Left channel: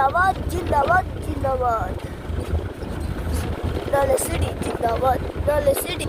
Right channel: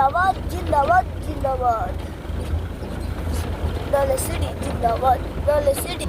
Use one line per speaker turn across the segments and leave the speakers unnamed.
जिंदाबाद जिंदाबाद जिंदाबाद डल सिटी जिंदाबाद डल सिटी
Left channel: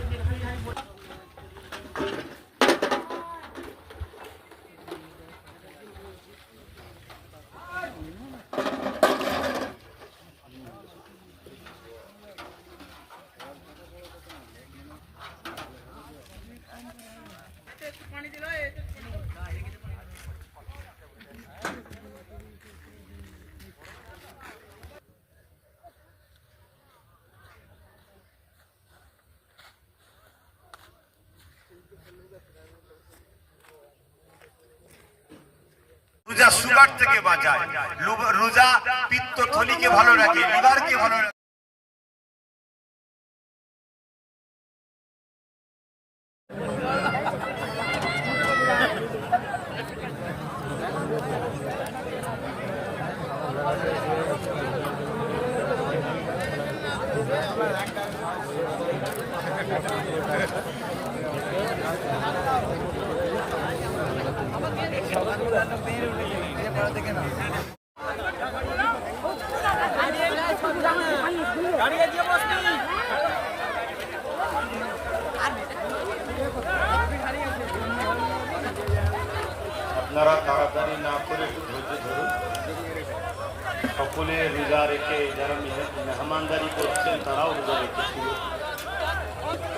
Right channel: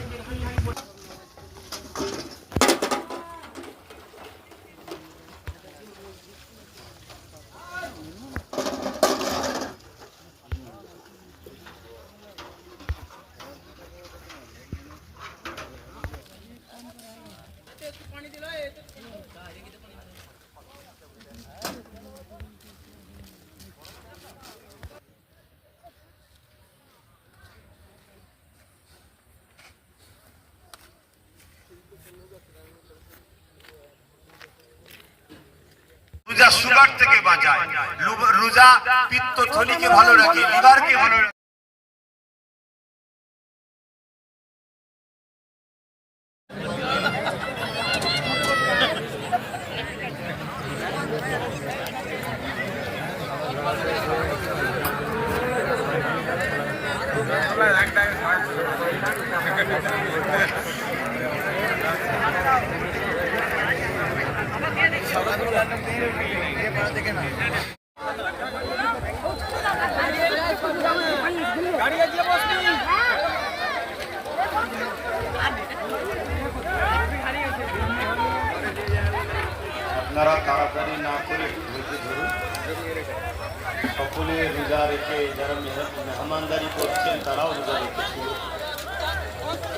রোজা সুগার থেকে বাঁচায়। রোজা পিত্ত থলিকে ভালো রাখে লিভারকে ভালো রাখে। আপনারা তাড়াতাড়ি না করে একটু ধৈর্য ধরুন সকলে রোজা রেখে যারা মেহ- মেহমানদারি করছেন তারাও রোজা রেখেছিল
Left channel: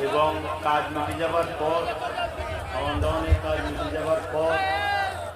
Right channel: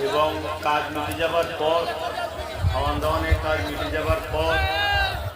এবং কাজ মিটে যাবার পর খাওয়ান দাওয়ানের কাজ মিটে যাবার পর